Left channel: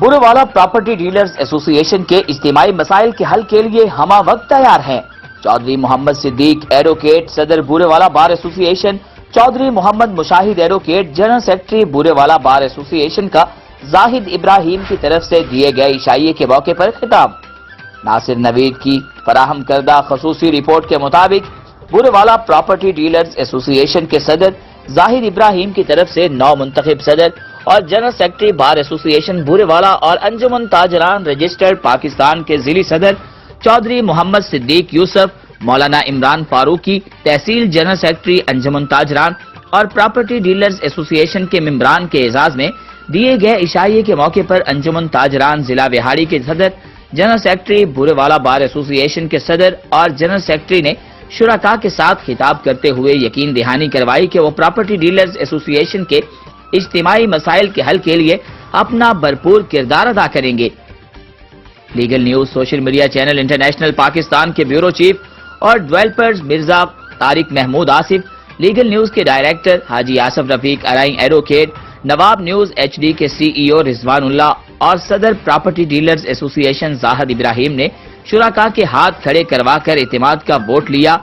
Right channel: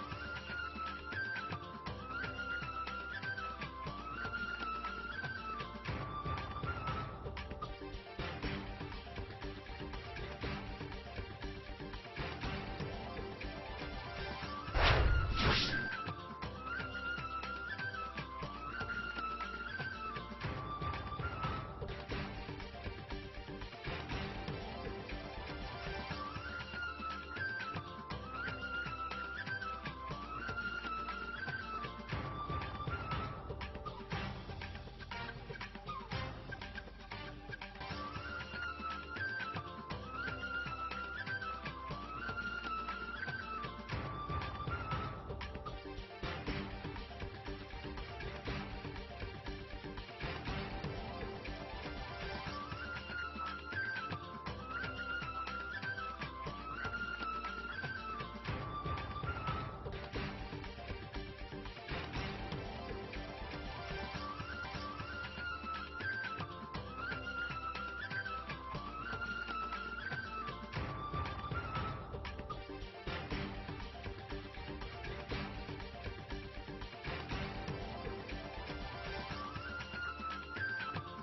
بورے property dealers ایسوسی ایشن کے اجتماعی مسائل کے حل کے لیے ہمہ وقت تیار ہیں۔ چودھری محمد صدیق ایڈوکیٹ صدر بورے بار ایسوسی ایشن، چودھری محمد مشاہد ایڈوکیٹ جنرل سیکرٹری بورے بار ایسوسی ایشن کا زاہد ابراہیم کی طرف سے دیے گئے عشائیے کے موقع پر خطاب۔ ناصر نوید کی فراہم کردہ خصوصی رپورٹ کے مطابق بورے پراپرٹی ڈیلرز ایسوسی ایشن کے صدر زاہد ابراہیم کی طرف سے 9 منتخب صدر اور جنرل سیکرٹری بار ایسوسی ایشن بورے اور انجمن تاجران رجسٹرڈ پاکستان کے ضلعی صدر چودھری محمد صدیق یوسف، مولانا عمران فاروقی، تحصیل جنرل سیکرٹری انجمن تاجران اور پراپرٹی ڈیلرز ایسوسی ایشن کے ممبران کے اعزاز میں دیے گئے عشائیے کے موقع پر انجمن تاجران ضلع وہاڑی کے صدر، جنرل سیکرٹری بورے بار ایسوسی ایشن کے صدر اور جنرل سیکرٹری نے شرکاء کے ساتھ خطاب کرتے ہوئے یقین دہانی کروائی کہ وہ پراپرٹی ڈیلرز ایسوسی ایشن کے اجتماعی مسائل کے حل کے لیے اپنا بھرپور کردار ادا کریں گے۔ Legal news social media channel international Pakistan کے بیورو چیف اور developers Mirza Tariq Mahmood Asif, legal news کے director Haji Asif Rafiq Arain advocate, Nawab news H D کے سی ای او رضوان اللہ اور صدر پراپرٹی ڈیلرز ایسوسی ایشن زاہد ابراہیم نے شرکاء کے ہاتھ کھڑے کروا کر اعتماد کا ووٹ لیا۔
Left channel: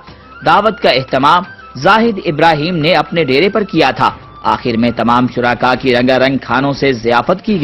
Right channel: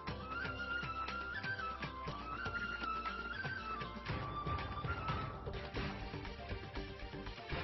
دعوت کا اہتمام زاہد ابراہیم نے اپنے ڈیرے پر کیا تھا۔ آخر میں تمام شرکاء کی رنگا رنگ کھانوں سے ضیافت کی گئی۔